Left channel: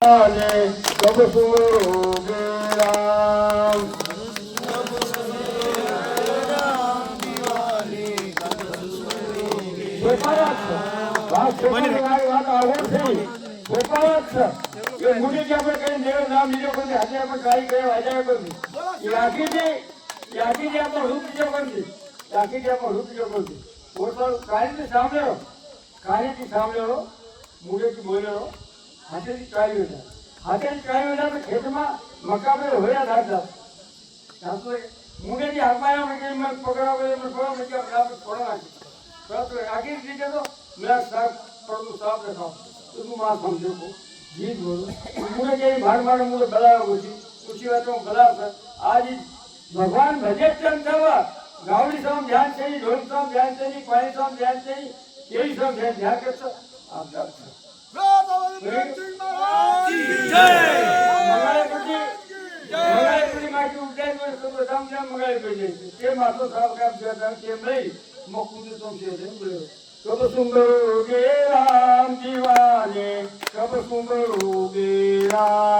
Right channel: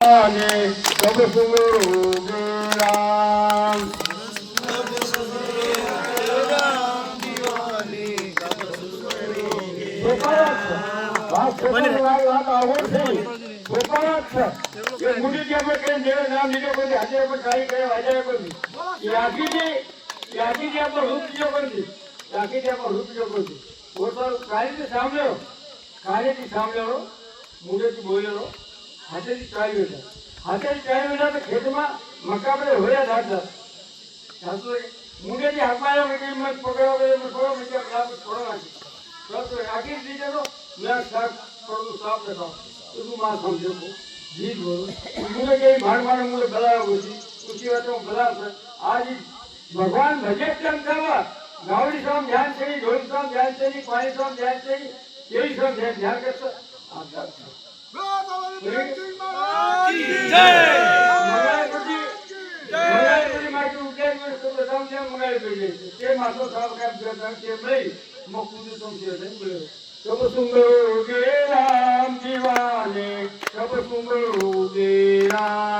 कब सुनोगे राम વાત આવડ થઈ કે મુડી કે આપણે કઈ દેવ નામ લીધો કોઈ આજે આપણે ટ્રાય કર્યો આજે કોઈ યાદી આપણો રૂપ બીજો કરી યાદી આપણો રૂપ બીજો કરી પોતાનું કાર્યથી સાંભળ્યો મુડેથી બોલેલો હાથેથી ચાલ્યો હતા હાથેથી ચાલ્યો હતા તો ખેતમાં મક્કા આપણે હોયા થાતા મુડેથી હાથમાં આવ્યો પકડવા થોડો નાખી આખી રીતે તો મેં શાક થોડું સાફ દેખાવ તું માં સમજો જીત બોલું મુझे कहीं भाड़ मारो मुझे बला पूछी बात हूँ बला आज भगवान भजत चंद करवा गावड़ी साम ध्यान चाहिए ढोल साम ध्यान चाहिए पानी साम ध्यान चाहिए यही सब ध्यान करता कब सुनोगे राम दीवाने कब सुनोगे राम